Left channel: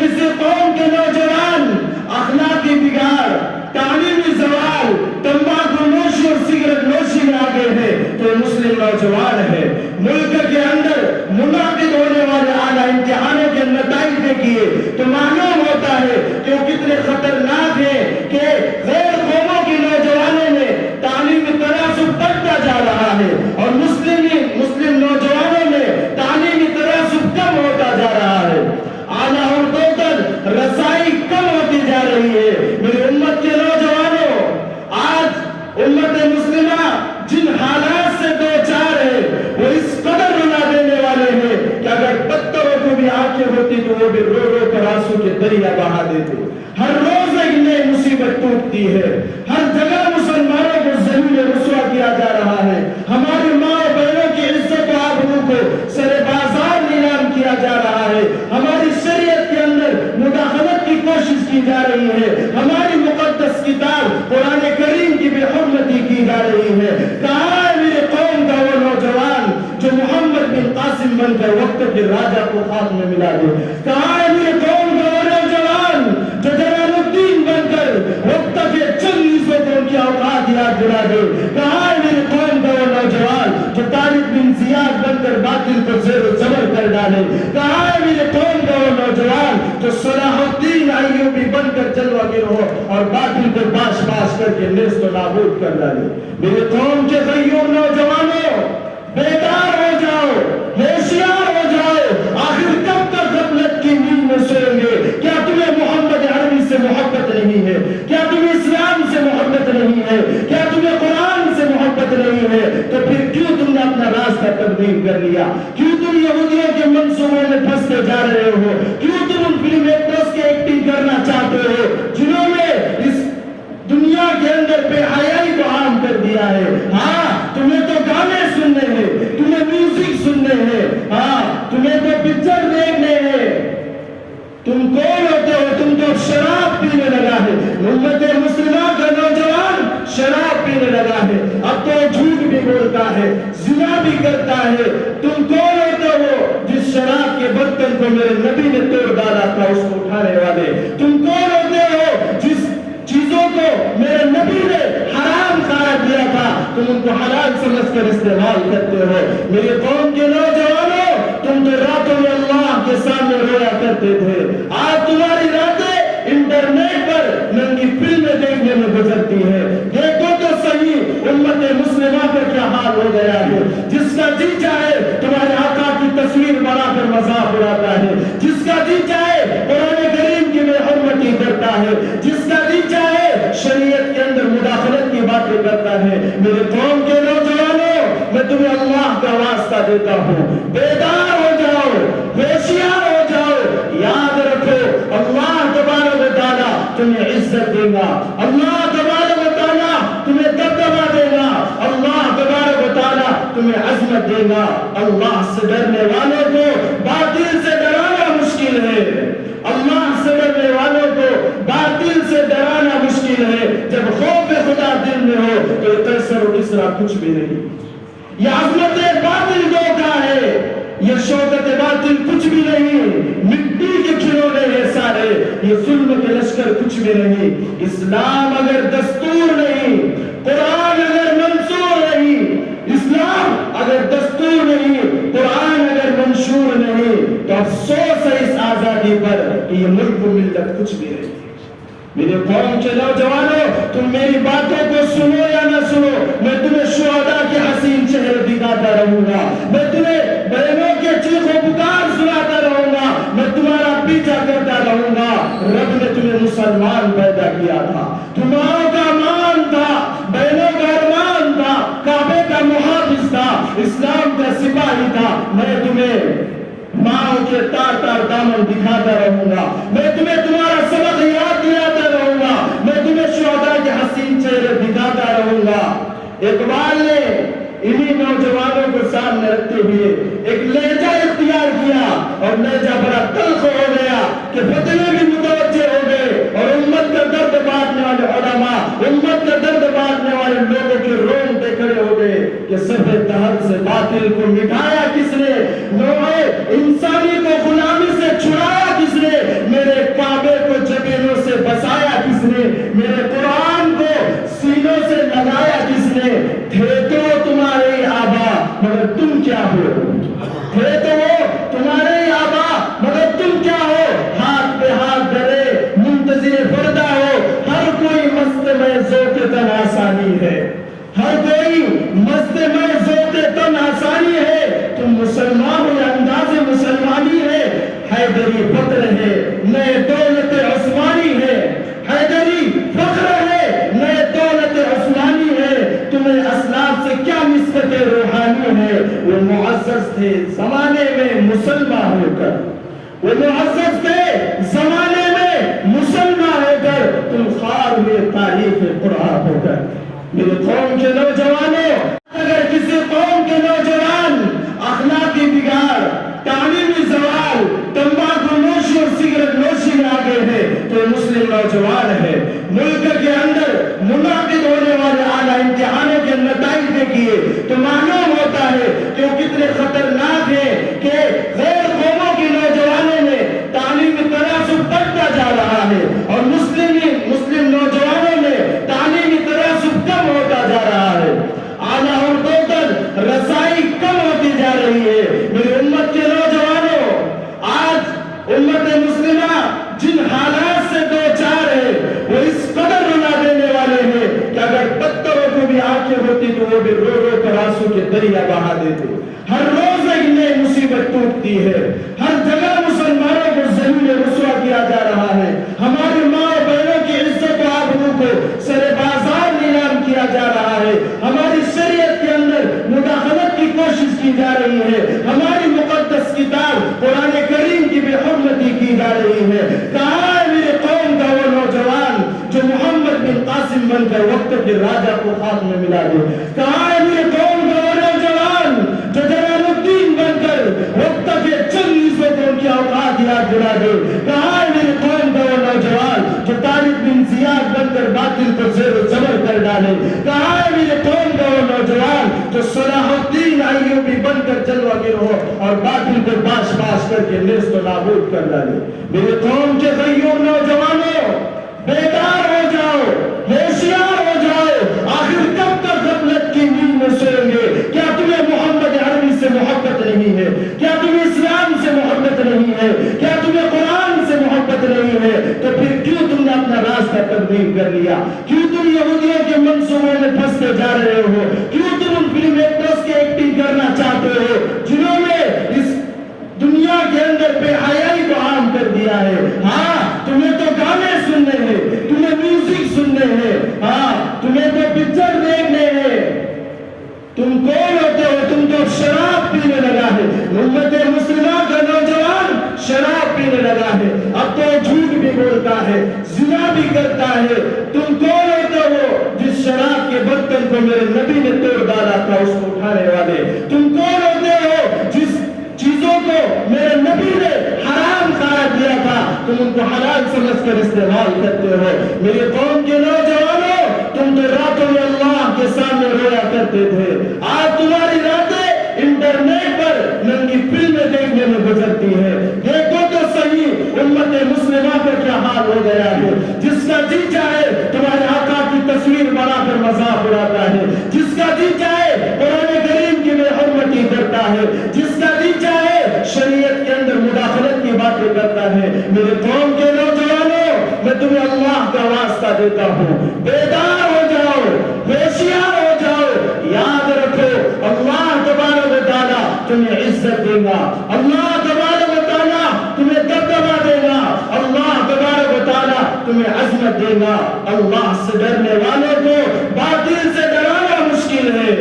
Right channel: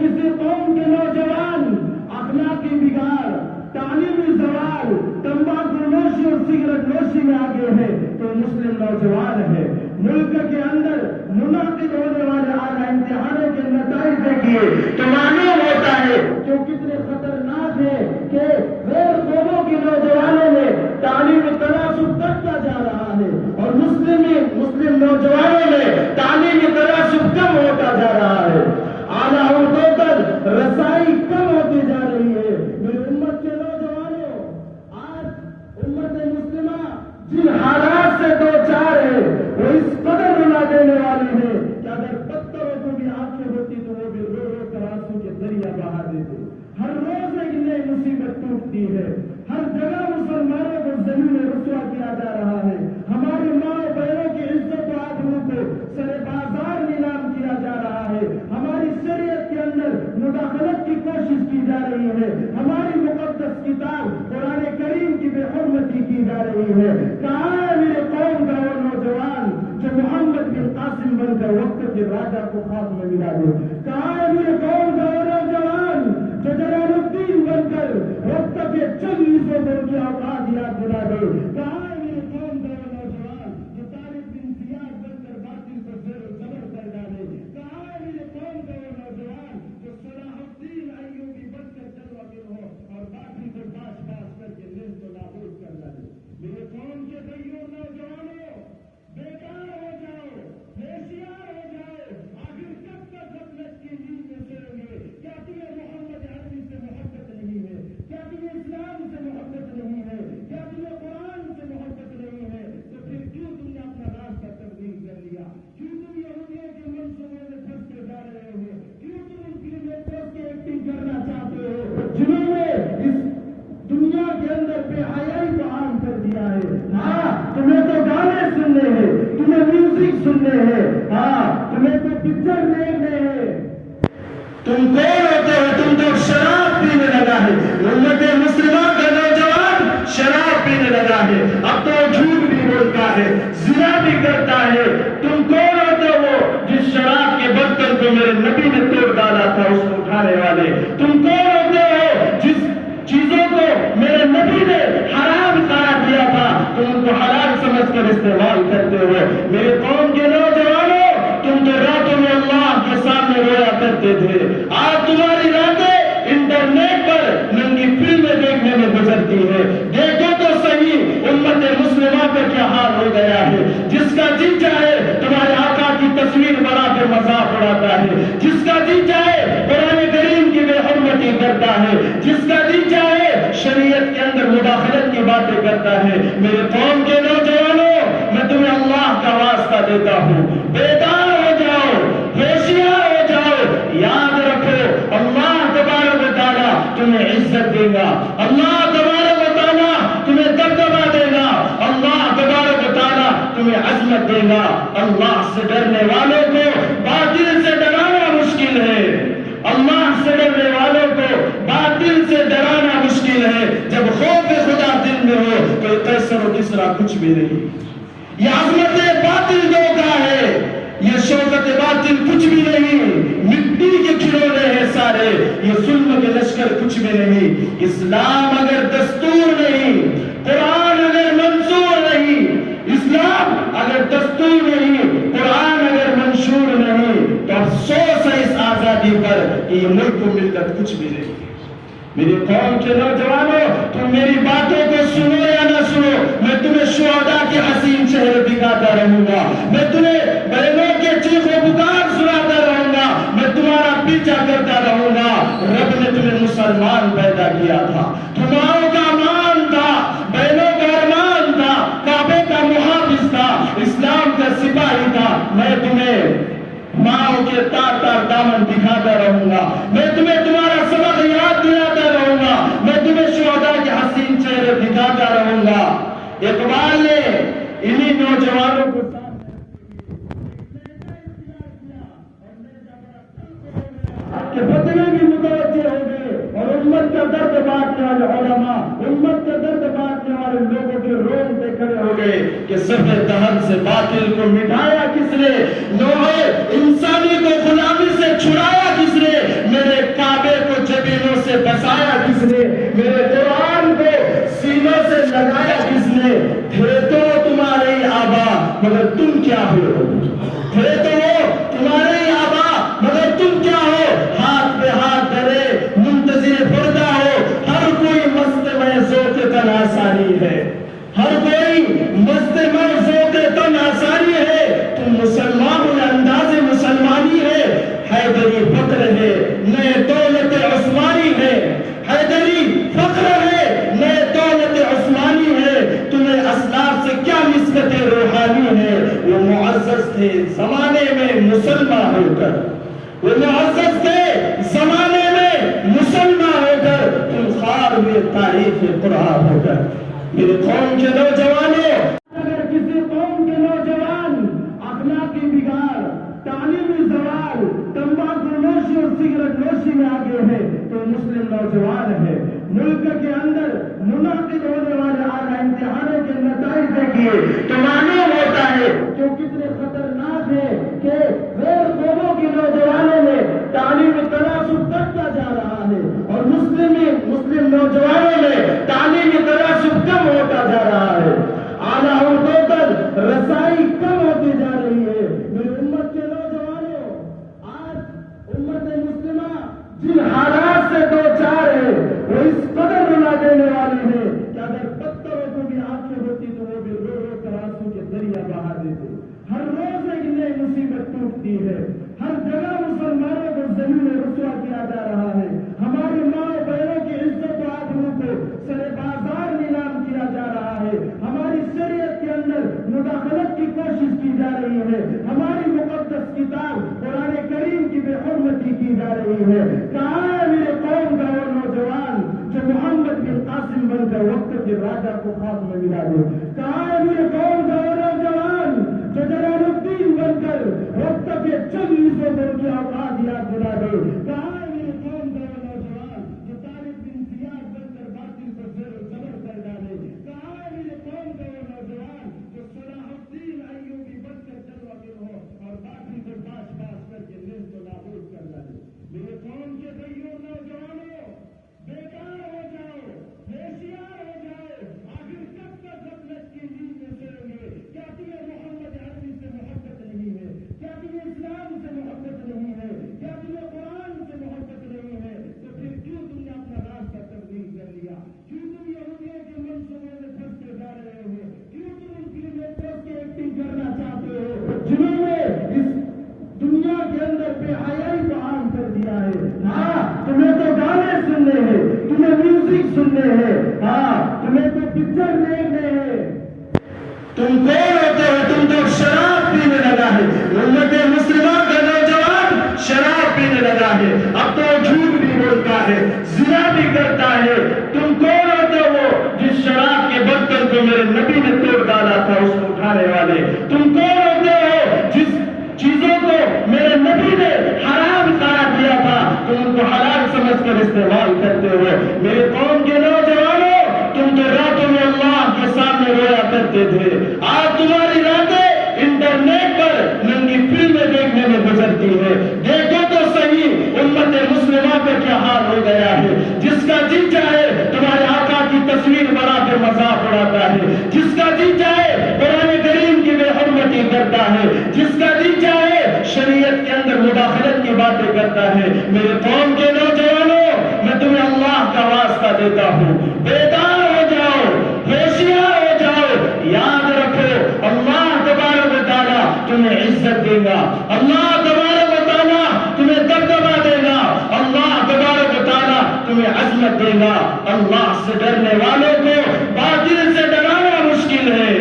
کسی قوم کے نوجوان اخلاقی بگاڑ، تعلیمی زوال، تمباکو نوشی اور سگریٹ نوشی میں آگے ہے تو مسلم نوجوان ہے۔ ملک کے اندر منعقد ہونے والے اعلیٰ امتحانوں کے نتائج دیکھیے تو معلوم ہوتا ہے کہ وہ کتنے خطرناک ہیں کہ غیر قوموں کے نوجوانوں میں تعلیمی تناسب بڑھتا جا رہا ہے اور مسلم نوجوانوں میں تعلیمی تناسب کم ہوتا جا رہا ہے۔ اعلیٰ عہدوں تک رسائی کم ہوتی جا رہی ہے۔ میری امت کے نوجوانوں، آج امت مسلمہ جن حالات سے دو چار ہے وہ اس قدر رلا دینے والے ہیں کہ اگر پتھروں کو بھی آنکھیں ہوتی تو وہ بھی رو رو کر آنسو کے دریا بہا دیتے۔ ہر روز ایک نئی مصیبت ٹوٹتی ہے، ہر جگہ مسلمانوں کو ذلیل رسوا کیا جا رہا ہے، ہماری ماں اور بہنوں کی عزت و آبرو کو سر بازار نیلام کیا جا رہا ہے، ہماری شریعت کے اندر مداخلت کی کوشش کی جا رہی ہے، ہماری مقدس کتاب قرآن کریم کی بے حرمتی کی جا رہی ہے۔ کہاں ہے میرے قوم کا وہ نوجوان جو محمد بن قاسم بن کر وقت کے راجہ کو خاک میں ملا دے؟ کہاں ہے میرے قوم کا وہ نوجوان جو جلال الدین بن کر وقت کے چند نسبتوں کی اوقات یاد دلا دے؟ کہاں ہے میرے قوم کا وہ نوجوان جو طارق بن زیاد بن کر باطل کو زیر و زبر کر ڈالے؟ کہاں ہے میرے قوم کا وہ نوجوان جو صلاح الدین ایوبی بن کر جلوہ گر ہو اور باطل کو باش باش کر کے نیست و نابود کر ڈالے؟ میرے قوم کے غیور نوجوانوں، بیدار ہو جاؤ، ہوشیار ہو جاؤ۔ آخر کب تک غفلت کی نیند میں سوئیں گے؟ کیا تمہیں محمد عربی سے محبت نہیں ہے؟ کیا تمہیں اسلام سے محبت نہیں ہے؟ کیا تمہیں قرآن سے محبت نہیں ہے؟ تو پھر کیوں تم نے اپنا راستہ تبدیل کر لیا؟ کیوں تم یہودیوں کے منصوبوں میں پھنستے جا رہے ہو؟ کیوں تم ان فلم ایکٹرز کی ایکٹنگ کرنا چاہتے ہو جنہوں نے اس دنیا کے اندر بے حیائی کو عام کر دیا ہے؟ ہاں، تمہیں تو گانے سننے ہیں، تمہیں میوزک سننے ہیں، ہاں تمہیں تو پکچر دیکھنے ہیں۔ تم کون ہوتے ہو؟ تم تو شراب پینے لگا ہے۔ امت مسلمہ کا نوجوان شراب پینے لگا ہے، اب تو جھوٹ بھی بولتا ہے، زنا بھی کرتا ہے۔ تم کون ہوتے ہو جس شراب کے برتن کو میرے نبی نے توڑ ڈالا تھا اس کو اٹھانے والے؟ تم کون ہوتے ہو جس چیزوں کو میرے نبی نے حرام قرار دیا تھا تم ان کو حلال سمجھ کر استعمال کرتے ہو؟ میرے قوم کے نوجوانوں، تم تو راتوں میں اللہ کے سامنے رویا کرتے تھے، آج تمہاری راتیں انٹرنیٹ پر ننگی فلمیں دیکھنے میں گزرتی ہے۔ دیکھو تو صحیح امت مسلمہ پر کیا حال ہو گیا ہے۔ جس کا جی چاہے تمہارے آقا کی تصویر بنا کر مذاق اڑاتا ہے، جس کا جی چاہے قرآن کریم کی بے حرمتی کرتا ہے، جس کا جی چاہے شریعت کے اندر مداخلت کی باتیں کرتا ہے۔ میرے قوم کے نوجوانوں، میں تمہیں اللہ کا واسطہ دیتا ہوں، بیدار ہو جاؤ، ہوشیار ہو جاؤ۔ یاد رکھو، اللہ تبارک و تعالیٰ تمہیں عزت دے گا، اللہ تبارک و تعالیٰ تمہیں دبدبا دے گا، اللہ تبارک و تعالیٰ تمہیں عظمت دے گا۔ اللہ سے ڈرنے والوں کو باطل سے ڈرانا مشکل ہے، اللہ سے ڈرنے والوں کو باطل سے ڈرانا مشکل ہے۔ جب خوف خدا دل میں ہو تو قیصر و کسریٰ کچھ بھی نہیں۔ یہ عظمت باطل دھوکہ ہے، یہ شوکت باطل کچھ بھی نہیں، مٹی کے کھلونے ہیں سارے، یہ ظلم کے لشکر کچھ بھی نہیں۔ اسلام اگر دستور نہیں، قرآن اگر منصور نہیں، اسلام اگر دستور نہیں، قرآن اگر منشور نہیں، تو افسوس ہے اس آزادی پر کہ یہ ملک و ملت کچھ بھی نہیں۔ میرے قوم کے نوجوانوں، تم میری باتوں کو سنو یا نہ سنو، میں تمہیں شہداء کے حسین چہرے دکھاتا رہوں گا، میں تمہیں بہنوں کے چیخ و پکار سناتا رہوں گا، میں تمہارا پیچھا کرتا رہوں گا۔ رب نے تمہیں مسلمان پیدا کیا تھا، تمہاروں کا مان تھا، بہنوں کا ارمان تھا، کعبے کا محافظ تھا، اسلام کا سپاہی تھا۔ میں تمہیں ماں کے تار تار دامن دکھاتا رہوں گا، میں تمہیں تمہارا سبق یاد دلاتا رہوں گا، میں تمہیں شہداء کے حسین چہرے دکھاتا رہوں گا۔ اقبال نے انہی نوجوانوں کو سامنے رکھتے ہوئے ایک لہجہ اختیار کیا اور لہجہ بڑا تلخ ہو گیا کہ فتنے بھی متوجہ ہو گئے اور امت کا درد بانٹنے والے علماء، امت کا درد بانٹنے والے لوگوں کے رونگٹے کھڑے ہو گئے کہ صفحے دہن سے باطل کو مٹایا کس نے، نوع انسانی کو غلامی سے چھڑایا کس نے؟ میرے نئے دولت عثمانی ہے، حیدری فخر ہے، نئے دولت عثمانی ہے، تمہیں اسلاف سے کیا نسبت روحانی ہے؟ وہ معزز تھے زمانے میں مسلمان ہو کر، وہ معزز تھے زمانے میں مسلمان ہو کر، تم خوار ہوئے تاریخ قرآن ہو کر۔ میرے قوم کے نوجوانوں، اگر کسی قوم کے نوجوان اخلاقی بگاڑ، تعلیمی زوال، تمباکو نوشی اور سگریٹ نوشی میں آگے ہے تو مسلم نوجوان ہے۔ ملک کے اندر منعقد ہونے والے اعلیٰ امتحانوں کے نتائج دیکھیے تو معلوم ہوتا ہے کہ وہ کتنے خطرناک ہیں کہ غیر قوموں کے نوجوانوں میں تعلیمی تناسب بڑھتا جا رہا ہے اور مسلم نوجوانوں میں تعلیمی تناسب کم ہوتا جا رہا ہے، اعلیٰ اور توتل رسائی کم ہوتی جا رہی ہے۔ میری امت کے نوجوانوں، آج امت مسلمہ جن حالات سے دو چار ہے وہ اس قدر رلا دینے والے ہیں کہ اگر پتھروں کو بھی آنکھیں ہوتی تو وہ بھی رو رو کر آنسو کے دریا بہا دیتے۔ ہر روز ایک نئی مصیبت ٹوٹتی ہے، ہر جگہ مسلمانوں کو ذلیل رسوا کیا جا رہا ہے، ہماری ماں اور بہنوں کی عزت و آبرو کو سر بازار نیلام کیا جا رہا ہے، ہماری شریعت کے اندر مداخلت کی کوشش کی جا رہی ہے، ہماری مقدس کتاب قرآن کریم کی بے حرمتی کی جا رہی ہے۔ کہاں ہے میرے قوم کا وہ نوجوان جو محمد بن قاسم بن کر وقت کے راجہ کو خاک میں ملا دے؟ کہاں ہے میرے قوم کا وہ نوجوان جو جلال الدین بن کر وقت کے چند نسبتوں کی اوقات یاد دلا دے؟ کہاں ہے میرے قوم کا وہ نوجوان جو طارق بن زیاد بن کر باطل کو زیر و زبر کر ڈالے؟ کہاں ہے میرے قوم کا وہ نوجوان جو صلاح الدین ایوبی بن کر جلوہ گر ہو اور باطل کو باش باش کر کے نیست و نابود کر ڈالے؟ میرے قوم کے غیور نوجوانوں، بیدار ہو جاؤ، ہوشیار ہو جاؤ۔ آخر کب تک غفلت کی نیند میں سوئیں گے؟ کیا تمہیں محمد عربی سے محبت نہیں ہے؟ کیا تمہیں اسلام سے محبت نہیں ہے؟ کیا تمہیں قرآن سے محبت نہیں ہے؟ تو پھر کیوں تم نے اپنا راستہ تبدیل کر لیا؟ کیوں تم یہودیوں کے منصوبوں میں پھنستے جا رہے ہو؟ کیوں تم ان فلم ایکٹرز کی ایکٹنگ کرنا چاہتے ہو جنہوں نے اس دنیا کے اندر بے حیائی کو عام کر دیا ہے؟ ہاں، تمہیں تو گانے سننے ہیں، تمہیں میوزک سننے ہیں، ہاں تمہیں تو پکچر دیکھنے ہیں۔ تم کون ہوتے ہو؟ تم تو شراب پینے لگا ہے۔ امت مسلمہ کا نوجوان شراب پینے لگا ہے، اب تو جھوٹ بھی بولتا ہے، زنا بھی کرتا ہے۔ تم کون ہوتے ہو جس شراب کے برتن کو میرے نبی نے توڑ ڈالا تھا اس کو اٹھانے والے؟ تم کون ہوتے ہو جس چیزوں کو میرے نبی نے حرام قرار دیا تھا تم ان کو حلال سمجھ کر استعمال کرتے ہو؟ میرے قوم کے نوجوانوں، تم تو راتوں میں اللہ کے سامنے رویا کرتے تھے، آج تمہاری راتیں انٹرنیٹ پر ننگی فلمیں دیکھنے میں گزرتی ہے۔ دیکھو تو صحیح امت مسلمہ کا کیا حال ہو گیا ہے۔ جس کا جی چاہے تمہارے آقا کی تصویر بنا کر مذاق اڑاتا ہے، جس کا جی چاہے قرآن کریم کی بے حرمتی کرتا ہے، جس کا جی چاہے شریعت کے اندر مداخلت کی باتیں کرتا ہے۔ میرے قوم کے نوجوانوں، میں تمہیں اللہ کا واسطہ دیتا ہوں، بیدار ہو جاؤ، ہوشیار ہو جاؤ۔ یاد رکھو، اللہ تبارک و تعالیٰ تمہیں عزت دے گا، اللہ تبارک و تعالیٰ تمہیں دبدبا دے گا، اللہ تبارک و تعالیٰ تمہیں عظمت دے گا۔ اللہ سے ڈرنے والوں کو باطل سے ڈرانا مشکل ہے،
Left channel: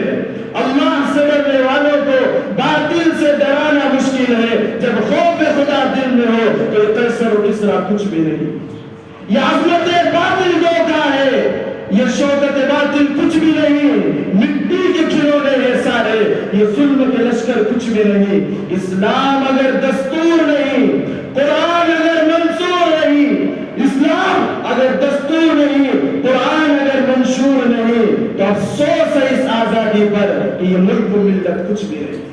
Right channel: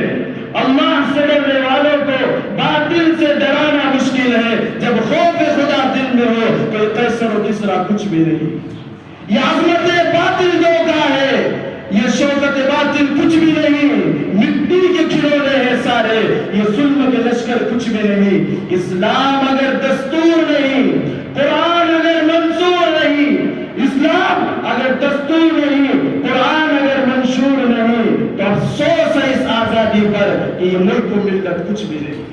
اللہ سے ڈرنے والوں کو باطل سے ڈرانا مشکل ہے۔ جب خوف خدا دل میں ہو تو قیصر و کسریٰ کچھ بھی نہیں۔ یہ عظمت باطل کا ہے، یہ شوکت باطل کچھ بھی نہیں، مٹی کے کھلونے ہیں سارے، یہ ظلم کے لشکر کچھ بھی نہیں۔ اسلام اگر دستور نہیں، قرآن اگر منصور نہیں، اسلام اگر دستور نہیں، قرآن اگر منشور نہیں، تو افسوس ہے اس آزادی پر کہ یہ ملک و ملت کچھ بھی نہیں۔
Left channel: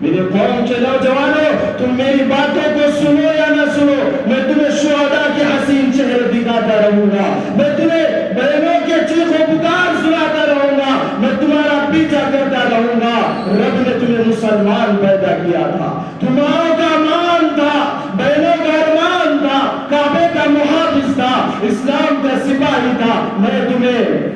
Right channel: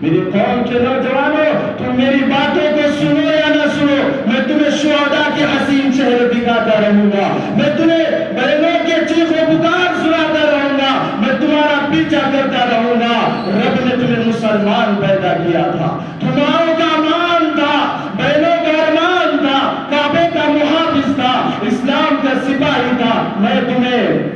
میرے قوم کے نوجوانوں، تم میری باتوں کو سنو یا نہ سنو، میں تمہیں شہداء کے حسین چہرے دکھاتا رہوں گا، میں تمہیں بہنوں کے چیخ و پکار سناتا رہوں گا، میں تمہارا پیچھا کرتا رہوں گا۔ رب نے تمہیں مسلمان پیدا کیا تھا، تمہاروں کا مان تھا، بہنوں کا ارمان تھا، کعبے کا محافظ تھا، اسلام کا سپاہی تھا۔ میں تمہیں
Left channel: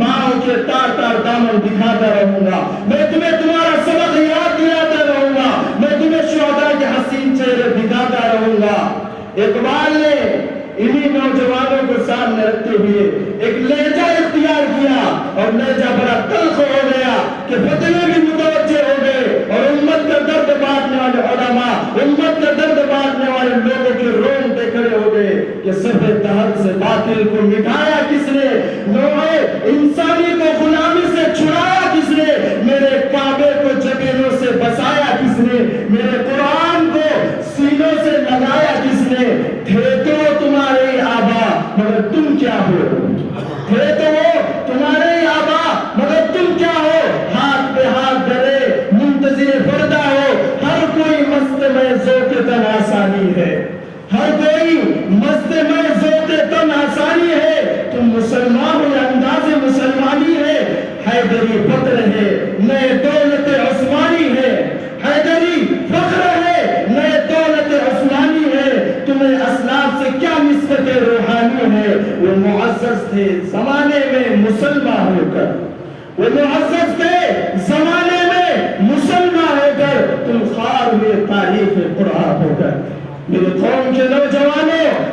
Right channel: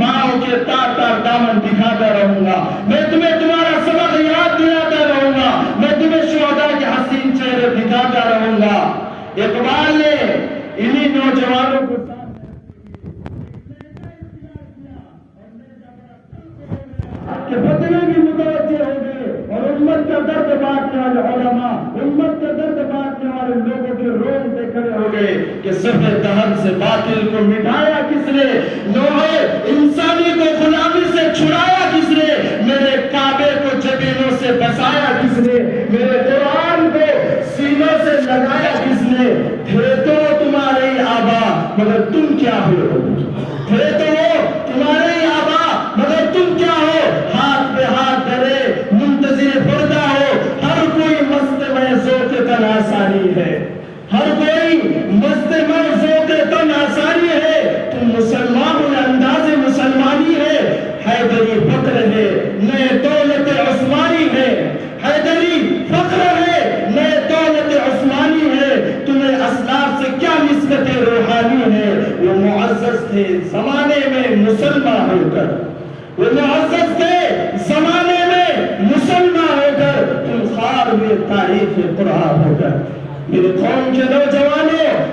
ماں کے تار تار دامن دکھاتا رہوں گا، میں تمہیں تمہارا سبق یاد دلاتا رہوں گا، میں تمہیں شہداء کے حسین چہرے دکھاتا رہوں گا۔ اقبال نے انہی نوجوانوں کو سامنے رکھتے ہوئے ایک لہجہ اختیار کیا اور لہجہ بڑا تلخ ہو گیا کہ فتنے بھی متوجہ ہو گئے اور امت کا درد بانٹنے والے علماء، امت کا درد بانٹنے والے لوگوں کے رونگٹے کھڑے ہو گئے کہ صفحہ دہر سے باطل کو مٹایا کس نے، نوع انسانی کو غلامی سے چھڑایا کس نے، میرے کعبے کو جبینوں سے بسایا کس نے، میرے قرآن کو سینوں سے لگایا کس نے؟ تھے تو تمہارے آبا مگر تم کیا ہو، تھے تو وہ تمہارے آبا مگر تم کیا ہو، ہاتھ پہ ہاتھ دھرے منتظر پردہ ہو، ہر کوئی مست میں ذوق تن آسانی ہے، ہر کوئی مست میں ذوق تن آسانی ہے، تم مسلمان ہو انداز مسلمانی ہے، حیدری فخر ہے نئے دولت عثمانی ہے، حیدری فخر ہے نئے دولت عثمانی ہے، تمہیں اسلاف سے کیا نسبت روحانی ہے؟ وہ معزز تھے زمانے میں مسلمان ہو کر، وہ معزز تھے زمانے میں مسلمان ہو کر، تم خوار ہوئے تاریخ قرآن ہو کر۔ میرے قوم کے نوجوانوں